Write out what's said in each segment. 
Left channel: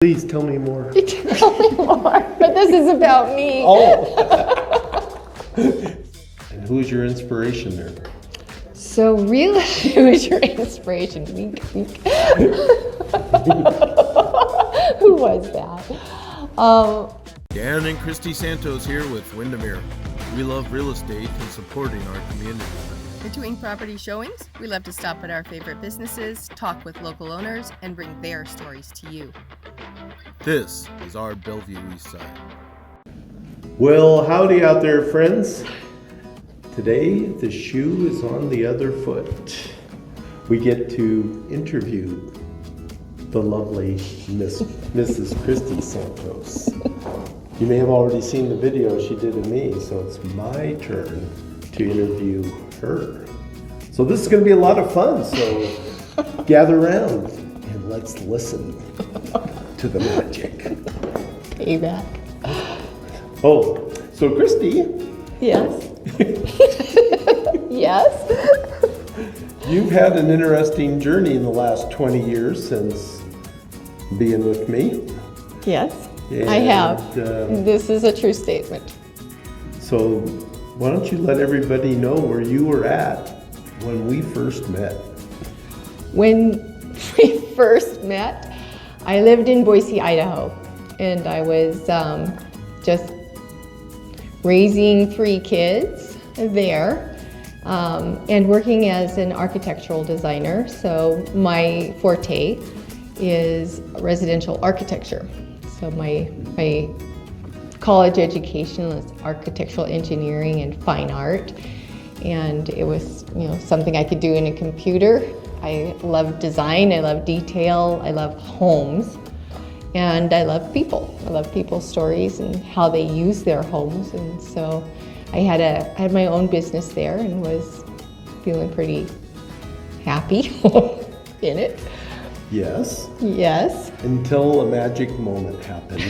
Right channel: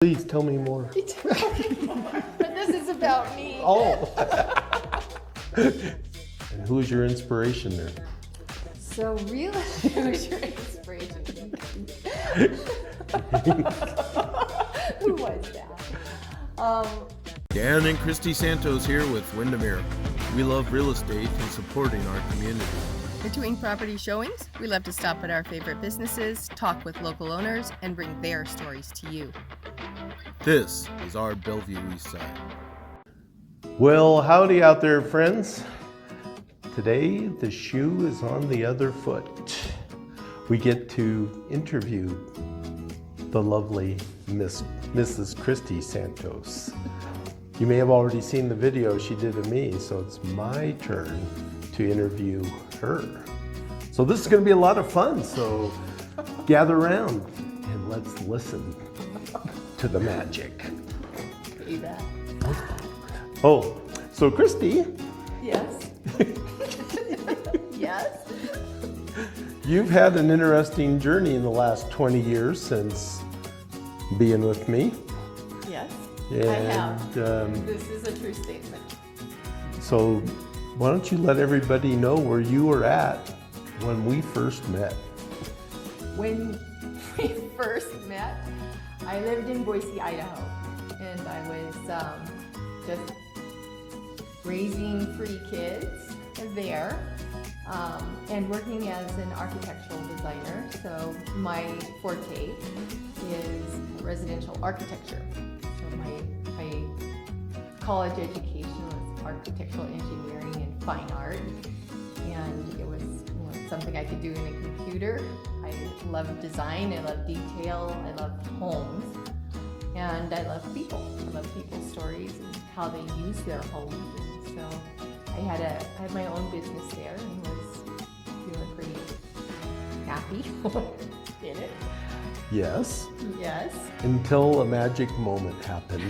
Please tell me more. Tell me more, but this is about me. Oh. And who's your inspiration there? So really, who's your inspiration? Wink, wink. Who was that? Dan and Christy Santos here with Windermere. We love real estate and supporting our community. Between property showings, we love to stop at our favorite businesses, talk with local owners, and bring their stories to you. This is our Bellevue East Side. Well, howdy out there, friends. Today, the shoe is on the other foot. We get to interview the lovely Mrs. Christy Santos. You may have already seen the video she did of me, so it's my turn to interview her. So this is going to be a lot of fun, so gather around and let's listen to the magic. Payback. Oh, so Christy. Yes. Yes. You've had an interesting journey in the last 20 years since being with me. Yes, And, I have. This is a true statement. So why don't you let everybody know where you were at when we first met? When we first met, I lived in Boise, Idaho, and I was just raising 3 kids there and working as an architectural designer. So my forte is residential architecture. So my college education was architectural engineering and fine art, and it was something I could do in a computer. I love design, I love detail, I love homes, and I love people. I love people's stories and how they use their homes. And so I had my own business there and was feeling pretty happy in it. Yes. Yes. Until a magic moment happened.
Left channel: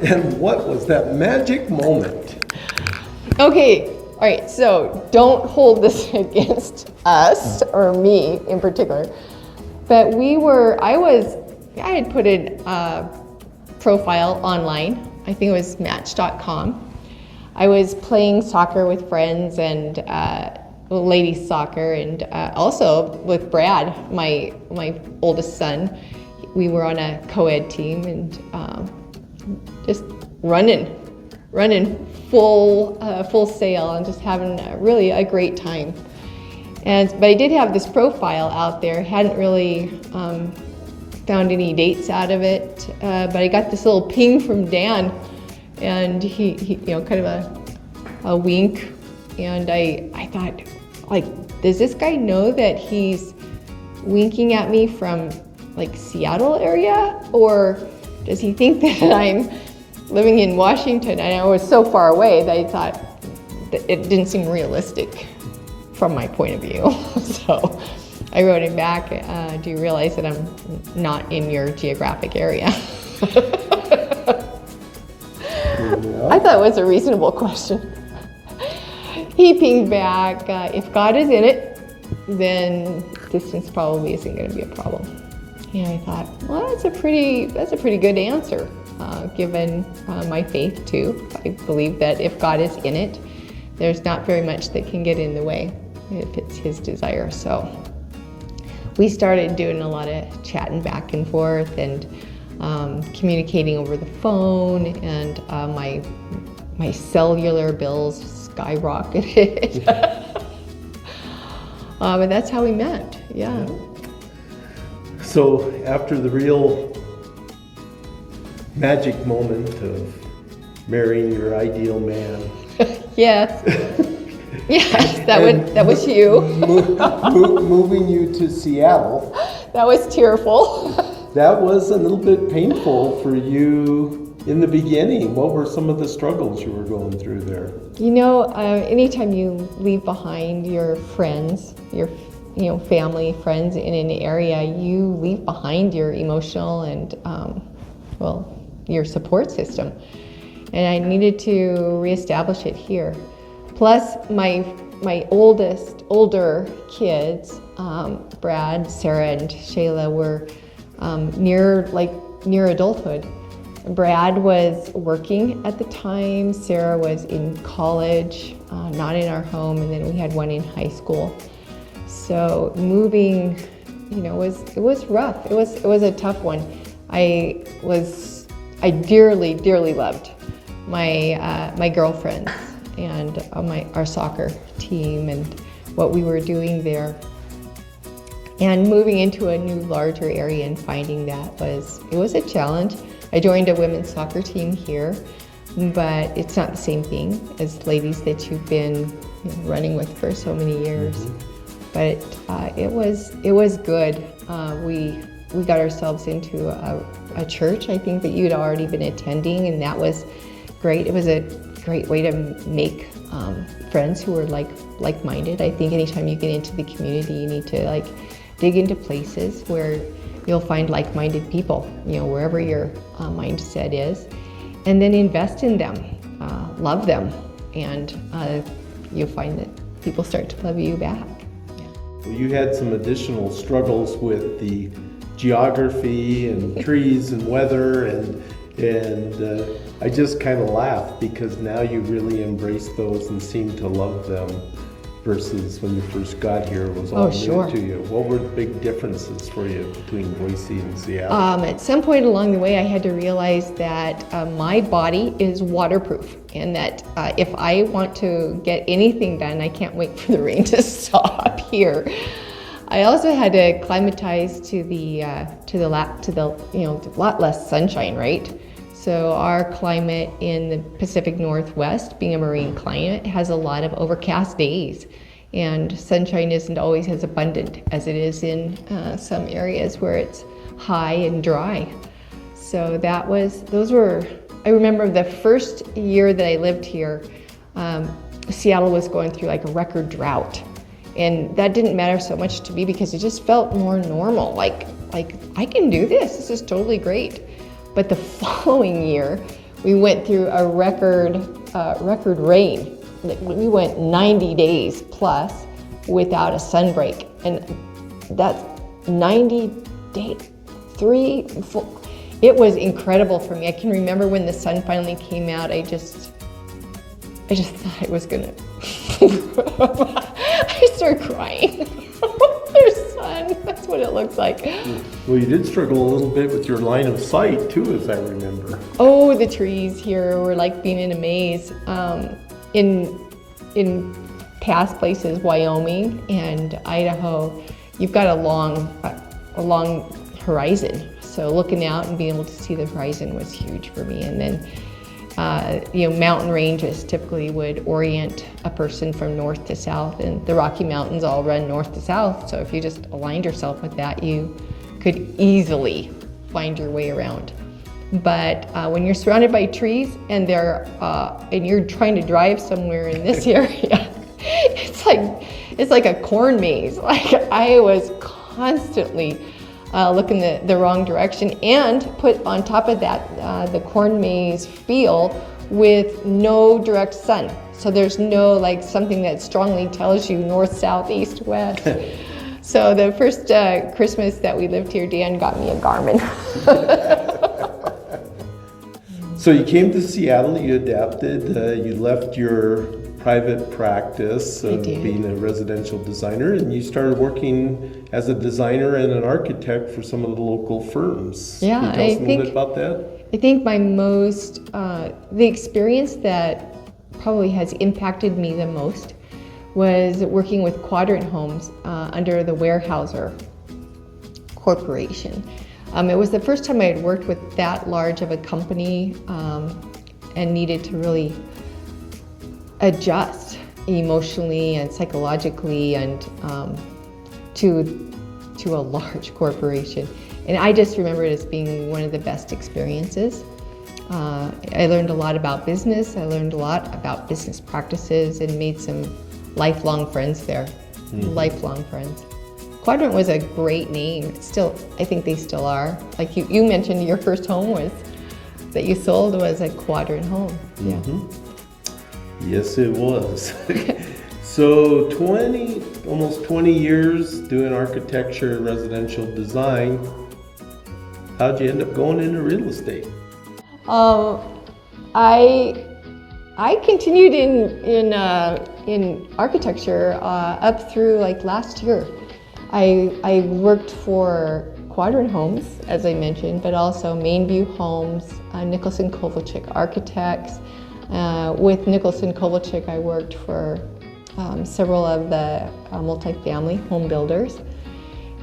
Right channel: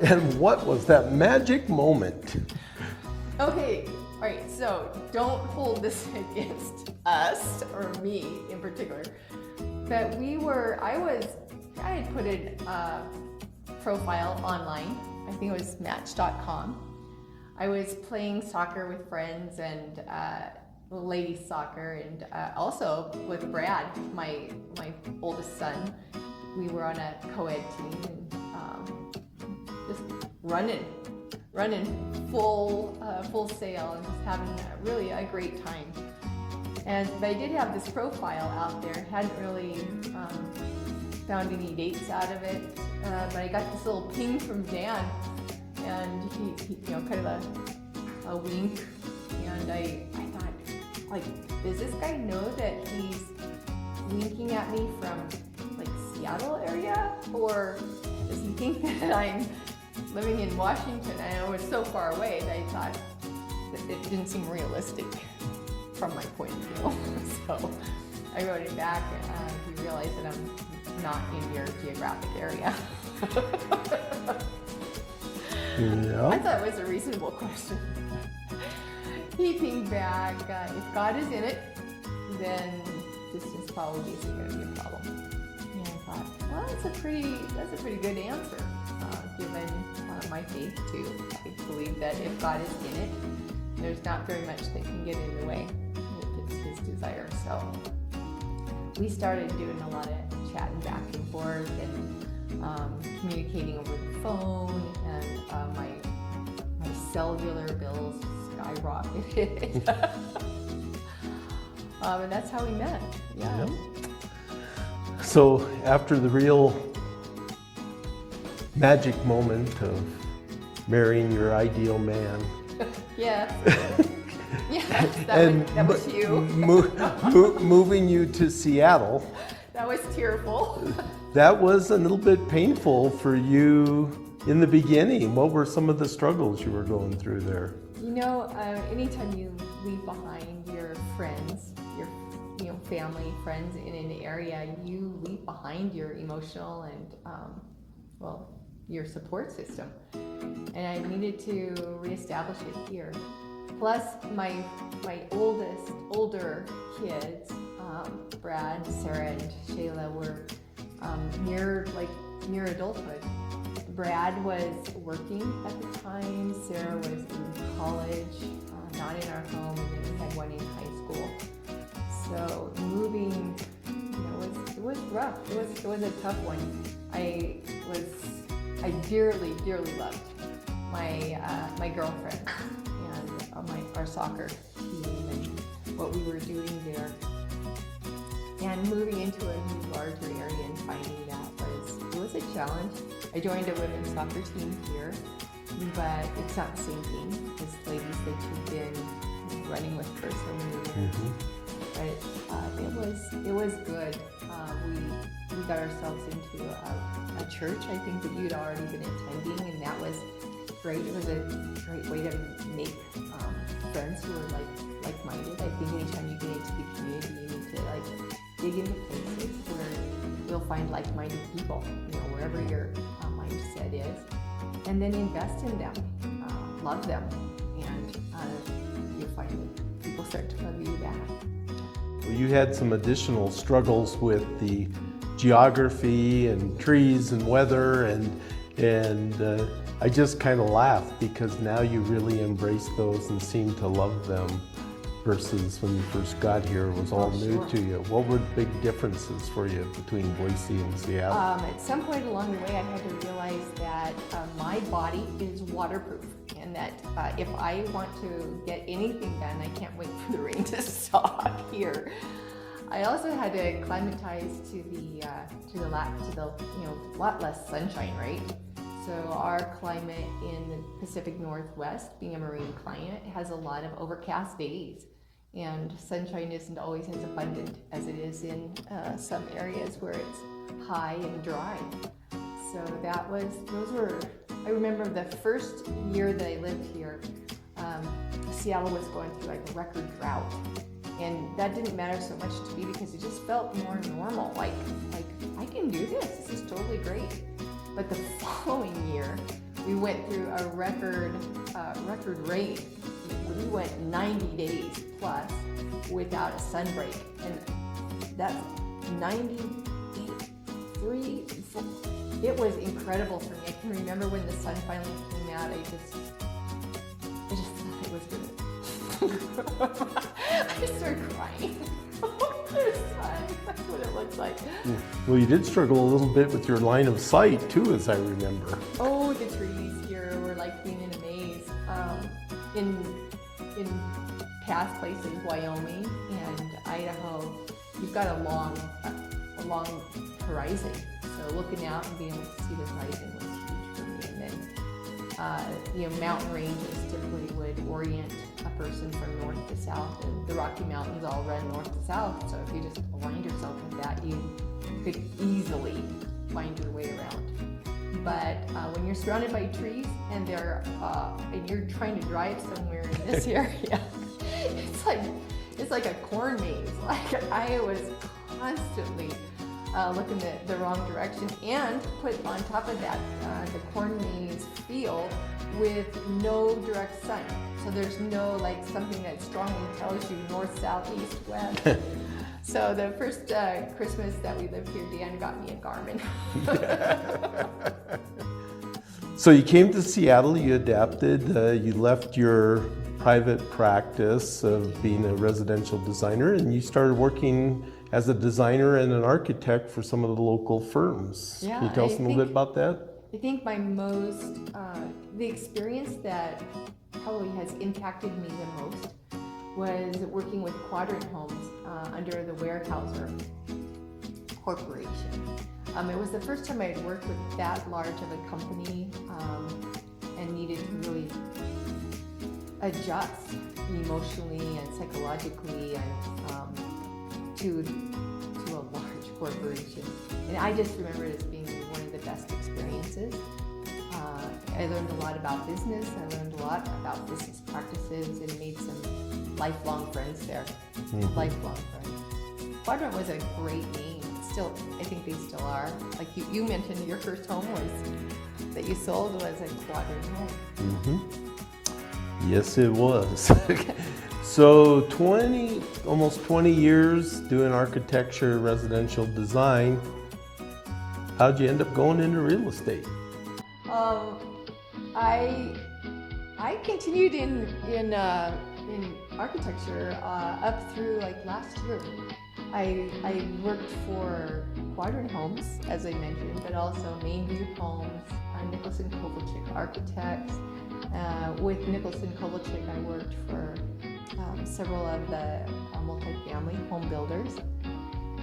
And what was that magic moment? Okay, all right, so don't hold this against us or me in particular, but I had put a profile online. I think it was match.com. I was playing soccer with friends and ladies soccer, and also with Brad, my oldest son. We were on a co-ed team and just running full sail and just having really a great time. But I did have this profile out there. Hadn't really found any dates out of it, but I got this little ping from Dan, and he kind of a wink, and I thought, like, does this guy know that he's winking at me from like Seattle area, or does he think that I'm living in Washington? And I was so far away that I thought that it didn't seem realistic from my point of view. So I wrote him back, do you realize that I'm not in your geographic area? Yeah. I thought it was a reasonable question. He pinged back, if God is in it, then distance probably isn't going to be a problem. And I thought, well, that's a pretty good answer, given my faith too. I believe that if God is in it, there's not very much that can get in the way if it's His desire. So we started doing a lot of chatting back and forth and communicating over the phone, and my cellular bills skyrocketed. But that's how we met. Yeah. So after the real magic moment of marrying your ideal man. Yes. Yes, that was you. Moving you to Seattle. That was tearful. That was a little bit painful for you in the beginning. What were some of the struggles you were going through there? Anytime you leave behind your friends, your family, friends in an area, you leave behind your emotional and your support system. And I needed to reestablish it here. Plus, my older kids, Brad, Sarah, and Shayla, were near like near adulthood. Brad was working at the time, Sarah was in college, not in our home, and then we had one in high school. So moving, it was rough. It was a tough one. I dearly, dearly loved my girlfriends and our soccer team and what we were doing there. And moving into a new, larger area and finding that was a challenge. I joined a women's soccer team here, but it's not the same thing as ladies that you've been running with for so many years. But it was good. We got ourselves into a church, I think, that you'd already been attending, and that was great. It was a great way to make friends who were like-minded. I think anytime you get into the community, you need to dig into places where you'll find like-minded people, wherever your mindset is, and then invest in them, love them, and you'll find that people start to love you back. Well, you had some additional struggles with the geography and trees and weather, and I just kind of laugh because now you really embrace those and seem to love them, versus when you first got here, it was all new to you. What were the big differences for you between Boise and Seattle? At some point along the way, I had to realize that my body is waterproof, and that if I want to get anything done, I can't wait for the rain to stop here. I also had to acclimatize to the lot less sunshine, right? So our climate in the Pacific Northwest, being a marine climate, has a lot of overcast days, and sunshine isn't always as abundant as it is in some areas where it's high and dry. So I remember the first year that I lived here, Seattle was going through a record drought. And that didn't matter so much to me because it just felt more normal, like I can do this is totally great. But the following year, we went through a record rain. We went 90 days plus without a sun break. And that's 90 days, 3, 4. It was incredible for me. I can remember when the sun finally came out, I just thought it was gonna, I started crying. There's sun, that's what it looks like. Well, you did struggle a little bit with your line of sight too, as I remember. Oh, the trees here were like being in a maze. In past places, Wyoming and Idaho, you've got a long horizon. So looking out and being able to see the horizon was huge for me. And then mountain ranges typically would orient a person from north to south, and the Rocky Mountains all run north to south. So if you just aligned yourself with that, you could easily find your way around. But when you're surrounded by trees and you're trying to drive somewhere in this area, it's like a corn maze. I was constantly looking the wrong direction, and put on top of that the corn maze feel with no direct sun. So there's no something that strongly tells you north, south, east, west. So the first Christmas that we lived here, Dan got me a Garmin. So you came to Seattle, you adapted, you left your private practice of being a residential designer, and you started working as a designer and an architect for some of the local firms. Yeah, Can you tell us a little bit about that? I think the experience that probably has impacted me the most was working with Quadrant Homes under the Weyerhaeuser Corporation. It was the first time I had worked with that large of a company and needed to really adjust emotionally and psychologically and to a large corporation. And I just remember it as being one of the best experiences. I learned a lot about business. I learned a lot about business practices and made some lifelong friends there. Lifelong friends. Quadrant was a great name. I think they still are. Like you mentioned, your first home that you sold was a Quadrant home. Mm-hmm. Yes, it was. So almost 20 years doing architecture, residential design. How'd you end up going into real estate? I continued in architecture up through like last year. I worked for Quadrant Homes, as I mentioned, but also Mainview Homes, Nicholson Kovalchik Architects. With Nicholson Kovalchik, I worked for several of the multifamily home builders,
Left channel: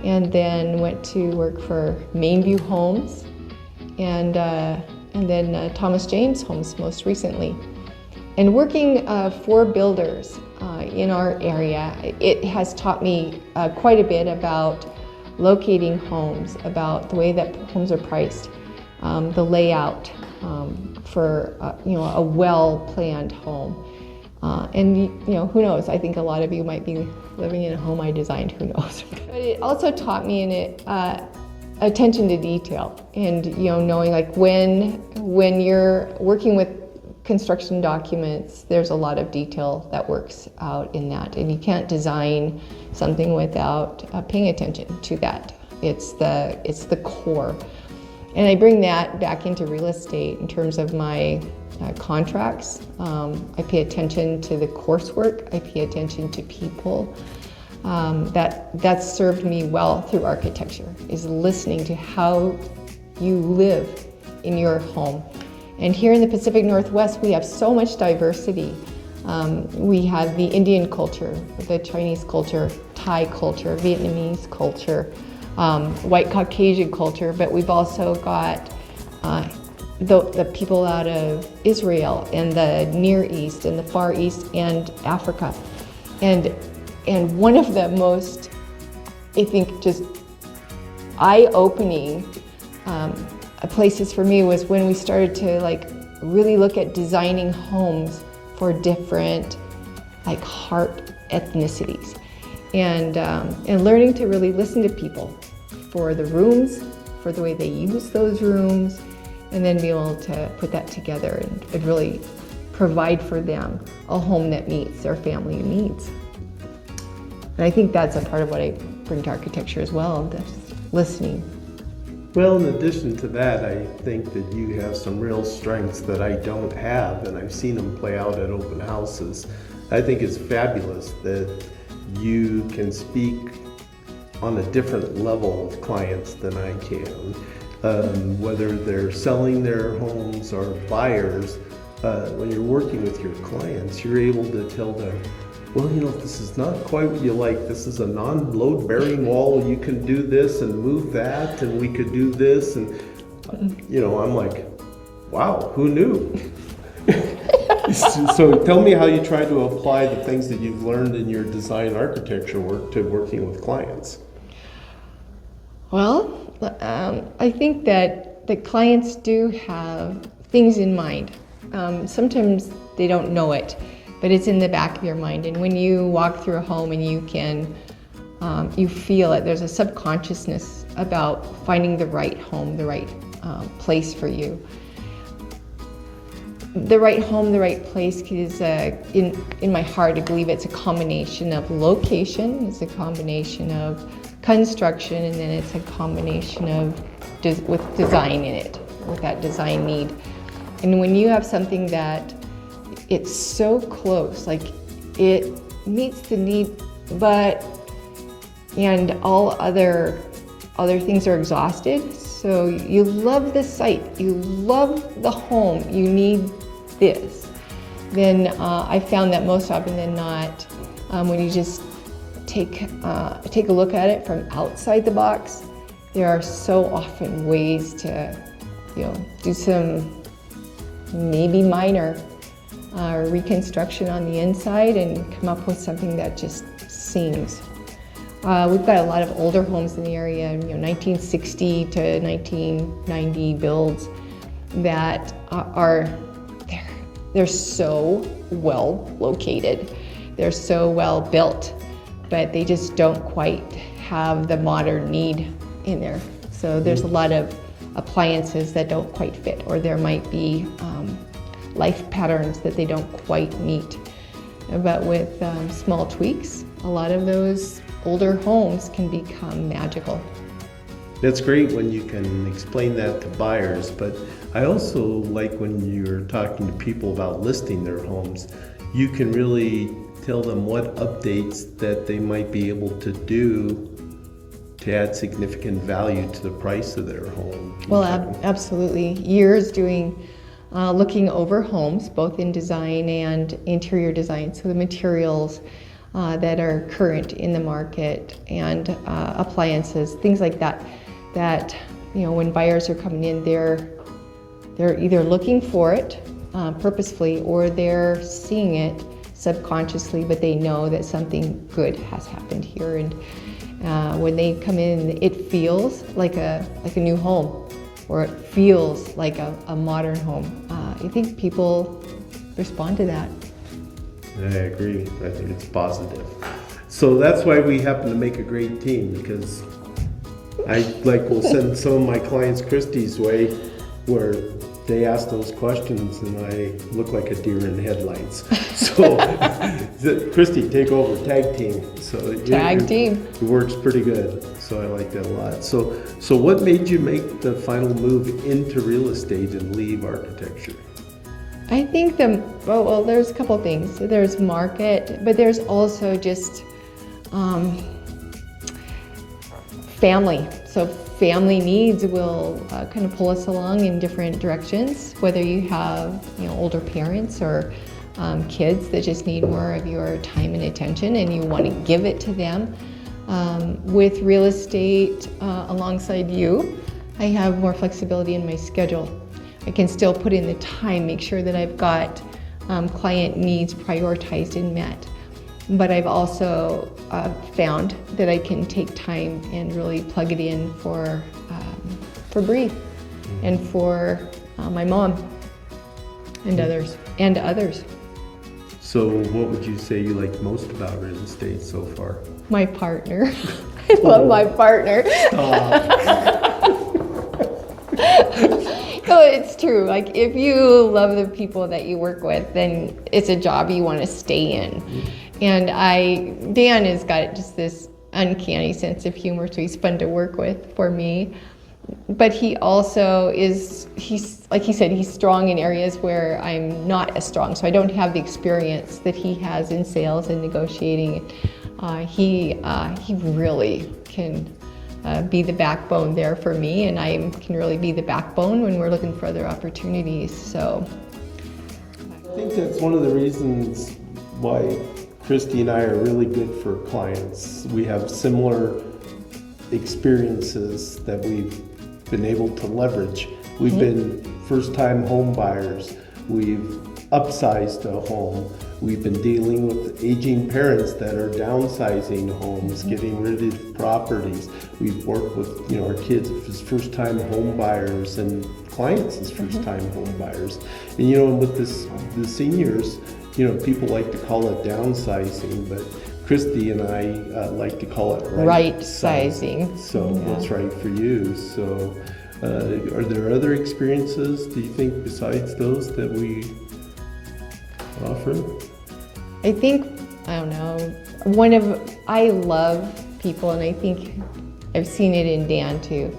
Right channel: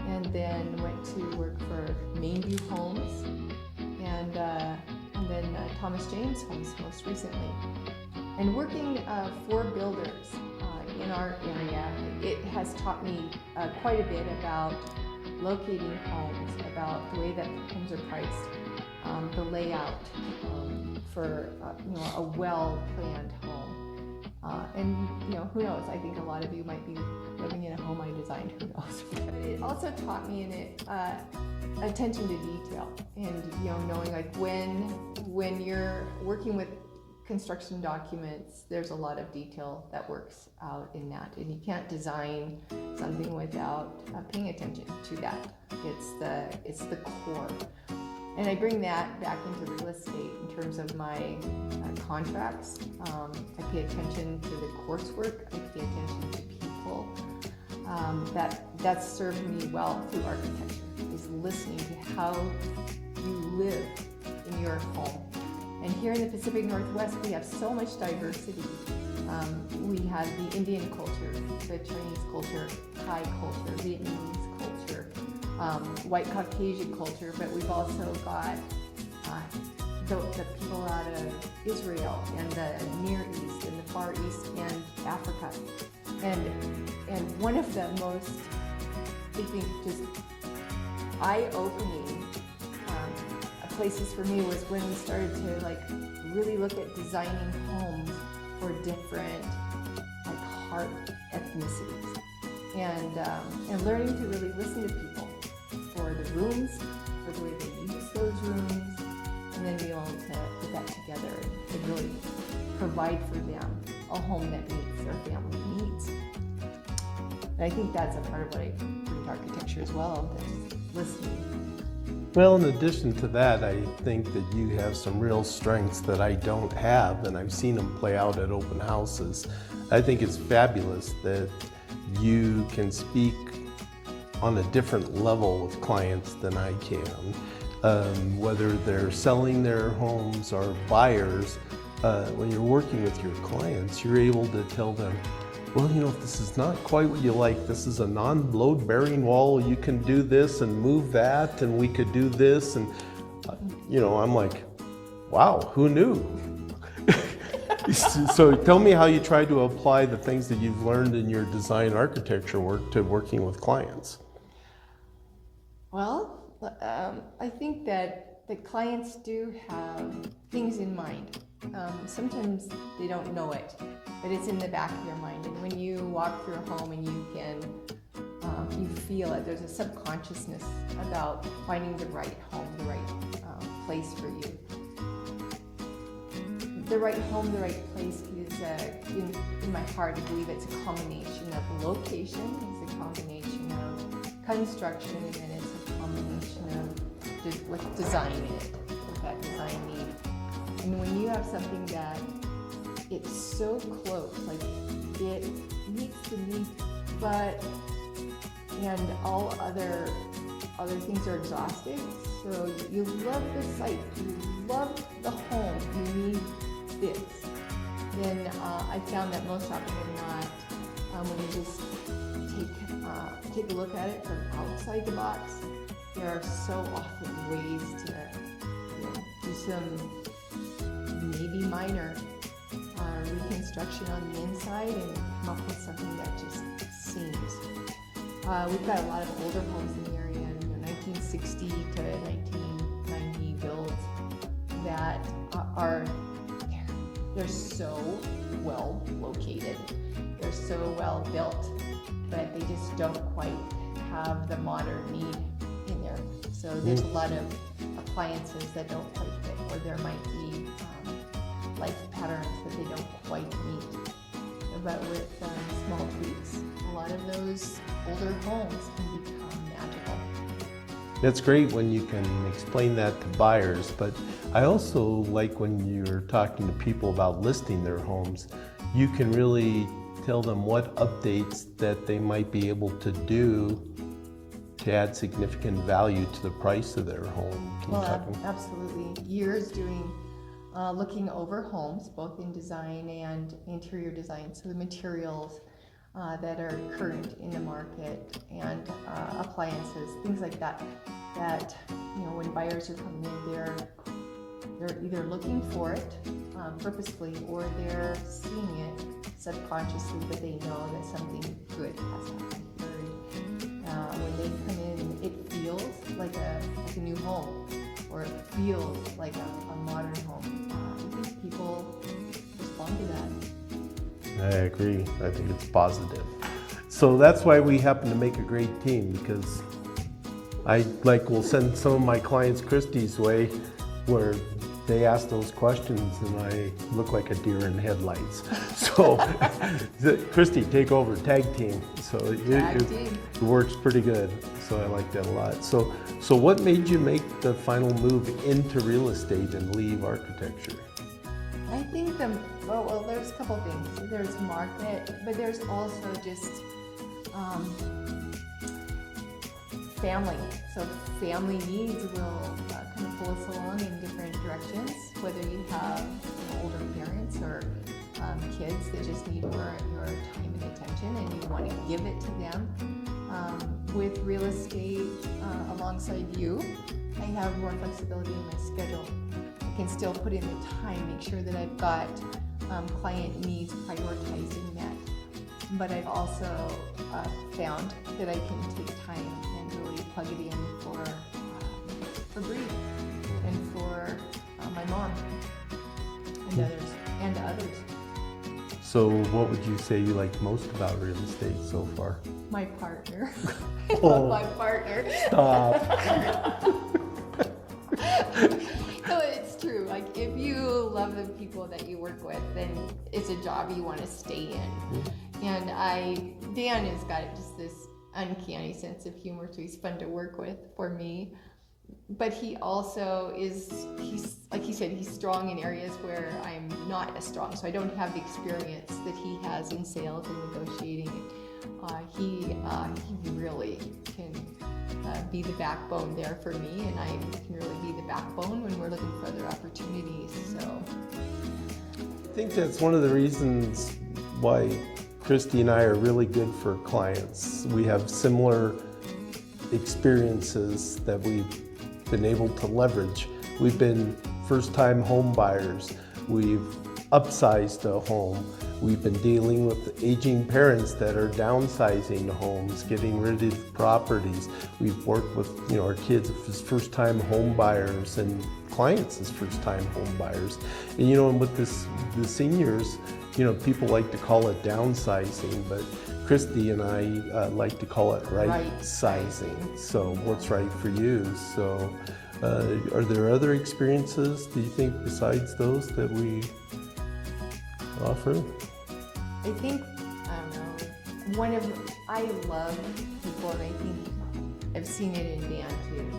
and then went to work for Mainview Homes, and then Thomas James Homes most recently. And working for builders in our area, it has taught me quite a bit about locating homes, about the way that homes are priced, the layout for a well-planned home. And who knows? I think a lot of you might be living in a home I designed. Who knows? But it also taught me in it attention to detail, and knowing like when you're working with construction documents, there's a lot of detail that works out in that, and you can't design something without paying attention to that. It's the core, and I bring that back into real estate in terms of my contracts. I pay attention to the coursework. I pay attention to people. That's served me well through architecture, is listening to how you live in your home. And here in the Pacific Northwest, we have so much diversity. We have the Indian culture, the Chinese culture, Thai culture, Vietnamese culture, white Caucasian culture, but we've also got the people out of Israel and the Near East and the Far East and Africa. And one of the most, I think, just eye-opening places for me was when we started to really look at designing homes for different heart ethnicities, and learning to really listen to people for the rooms, for the way they use those rooms, and then be able to put that together and really provide for them a home that meets their family needs. And I think that's a part of what I bring to architecture as well, this listening. Well, in addition to that, I think that you have some real strengths that I don't have, and I've seen them play out at open houses. I think it's fabulous that you can speak on a different level of clients than I can. Whether they're selling their homes or buyers, when you're working with your clients, you're able to tell them, well, if this is not quite what you like, this is a non-load bearing wall, you can do this and move that, and we could do this, and I'm like, wow, who knew? So tell me how you try to apply the things that you've learned in your design architecture work to working with clients. Well, I think that the clients do have things in mind. Sometimes they don't know it, but it's in the back of your mind. And when you walk through a home and you can, you feel it, there's a subconsciousness about finding the right home, the right place for you. The right home, the right place is, in my heart, I believe it's a combination of location, it's a combination of construction, and then it's a combination of with design in it, with that design need. And when you have something that it's so close, it meets the need, and all other things are exhausted. So you love the site, you love the home, you need this. Then I found that most often than not, when you just take a look at it from outside the box, there are so often ways to, do some maybe minor reconstruction on the inside and come up with something that just sings. We've got a lot of older homes in the area, 1960 to 1990 builds that they're so well located, they're so well built, but they just don't quite have the modern need in there. So there's a lot of appliances that don't quite fit, or there might be life patterns that they don't quite meet. But with small tweaks, a lot of those older homes can become magical. It's great when you can explain that to buyers, but I also like when you're talking to people about listing their homes, you can really tell them what updates that they might be able to do to add significant value to the price of their home. Well, absolutely. Years doing, looking over homes, both in design and interior design. So the materials that are current in the market and appliances, things like that. That, you know, when buyers are coming in, they're either looking for it purposefully, or they're seeing it subconsciously, but they know that something good has happened here. And when they come in, it feels like a new home, or it feels like a modern home. I think people respond to that. I agree. I think it's positive. So that's why we happen to make a great team, because will send some of my clients Christy's way, where they ask those questions and I look like a deer in headlights. So Christy, take over, tag team. So it works pretty good. So I like that a lot. So what made you make the final move into real estate and leave architecture? I think well, there's a couple things. There's market, but there's also just family. So family needs will kind of pull us along in different directions, whether you have, you know, older parents or kids that just need more of your time and attention and you want to give it to them. With real estate alongside you, I have more flexibility in my schedule. I can still put in the time, make sure that I've got client needs prioritized and met. But I've also found that I can take time and really plug it in for Bree and for my mom and others. So what would you say you like most about real estate so far? My partner. I love my partner. So it's true. Like, if you love the people that you work with, then it's a job you want to stay in. And Dan has got just this uncanny sense of humor, so he's fun to work with for me. But he also he's like he said, he's strong in areas where I'm not as strong. So I don't have the experience that he has in sales and negotiating. He really can be the backbone there for me, and I can really be the backbone when we're looking for other opportunities. So I think that's one of the reasons why Christy and I are really good for clients. We have similar experiences that we've been able to leverage. We've been first-time home buyers. We've upsized a home. We've been dealing with aging parents that are downsizing homes, getting rid of properties. We've worked with, you know, our kids as first-time home buyers and clients as first-time home buyers. And, you know, and with the seniors, you know, people like to call it downsizing, but Christy and I like to call it right sizing. So what's right for you? So are there other experiences, do you think, besides those that we offer? I think, I don't know, I love people, and I think I've seen it in Dan too.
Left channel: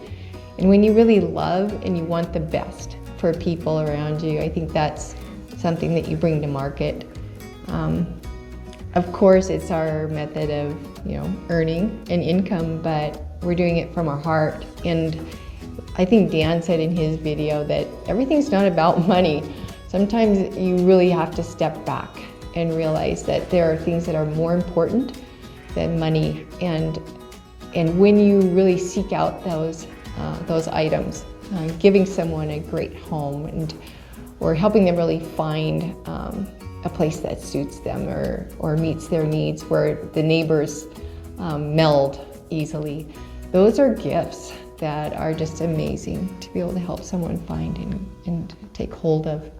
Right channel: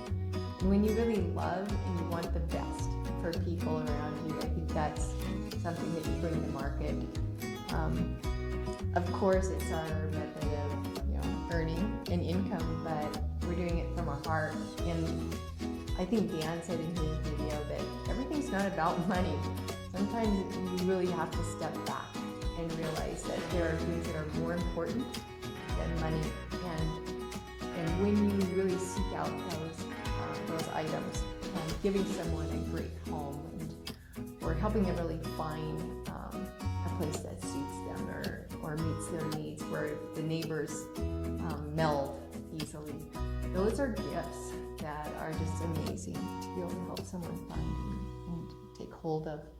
And when you really love and you want the best for people around you, I think that's something that you bring to market. Of course, it's our method of, you know, earning an income, but we're doing it from our heart. And I think Dan said in his video that everything's not about money. Sometimes you really have to step back and realize that there are things that are more important than money. And when you really seek out those items, giving someone a great home or helping them really find a place that suits them or meets their needs, where the neighbors meld easily. Those are gifts that are just amazing to be able to help someone find and take hold of.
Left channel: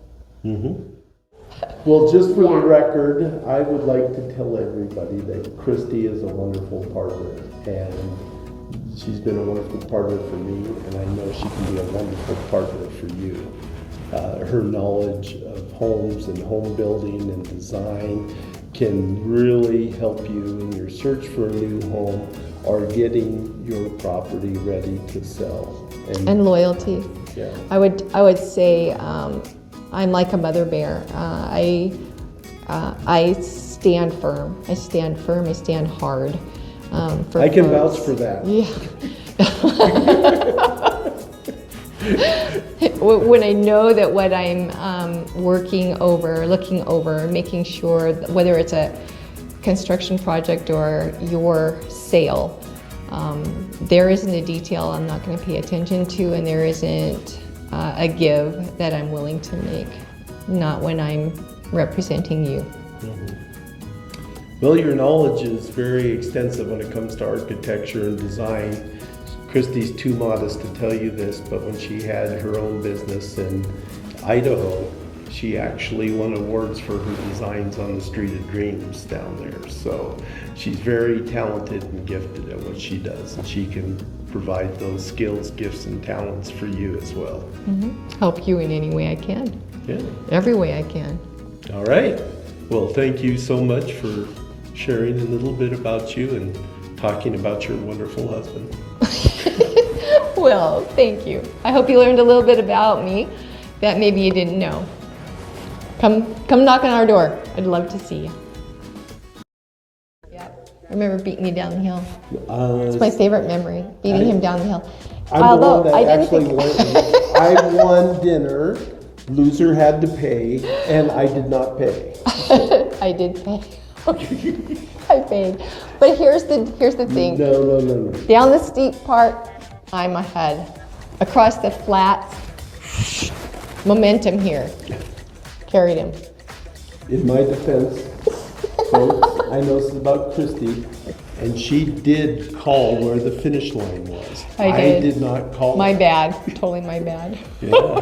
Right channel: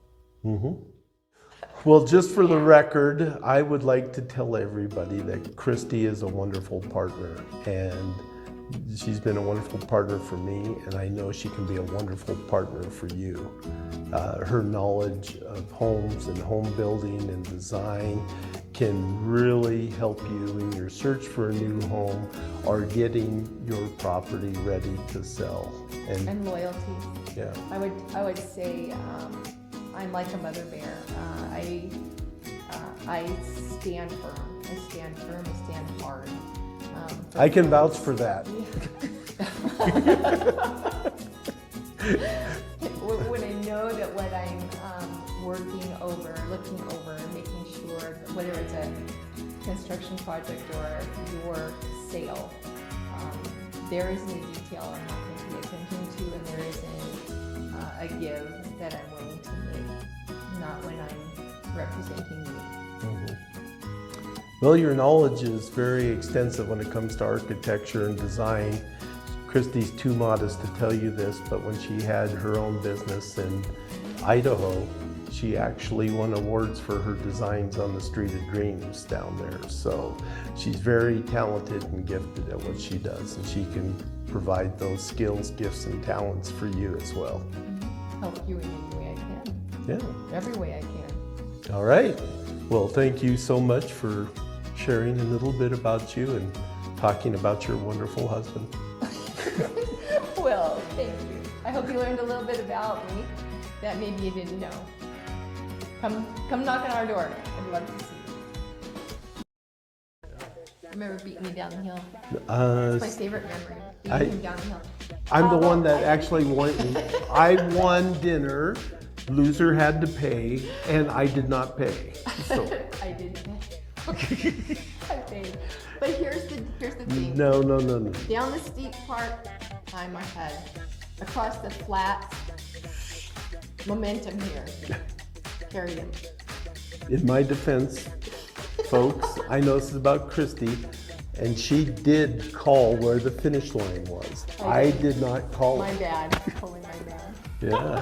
Well, just for the record, I would like to tell everybody that Christy is a wonderful partner, and she's been a wonderful partner for me, and I know she can be a wonderful partner for you. her knowledge of homes and home building and design can really help you in your search for a new home or getting your property ready to sell. And loyalty. Yeah. I would say I'm like a mother bear. I stand firm. I stand firm. I stand hard. I can vouch for that. Yeah. When I know that what I'm working over, looking over, making sure that whether it's a construction project or your sale, there isn't a detail I'm not going to pay attention to, and there isn't a give that I'm willing to make, not when I'm representing you. Well, your knowledge is very extensive when it comes to architecture and design. Christy's too modest to tell you this, but when she had her own business in Idaho, she actually won awards for her designs on the Street of Dreams down there. So she's very talented and gifted at what she does, and she can provide those skills, gifts, and talents for you as well. Help you in any way I can. Yeah. Every way I can. All right. Well, thank you so much for sharing a little bit about you and talking about your wonderful husband. Well, thank you. I hope you learned a little bit about me that maybe you didn't know. Come knock on our door. I'd love to see you. I remember beating you down the hill. It's my favorite memory, beating him down the hill. I'm the one that actually won. I won dinner. Loser had to pay, and I did not pay. I did pay. I paid. But here's the thing. No. Down the steep part, I'm ahead. Across the flat, momentum here. Carried him. In my defense, folks, I know this is about Christy, and she did call where the finish line was. I did not call. My bad. Totally my bad. Yeah.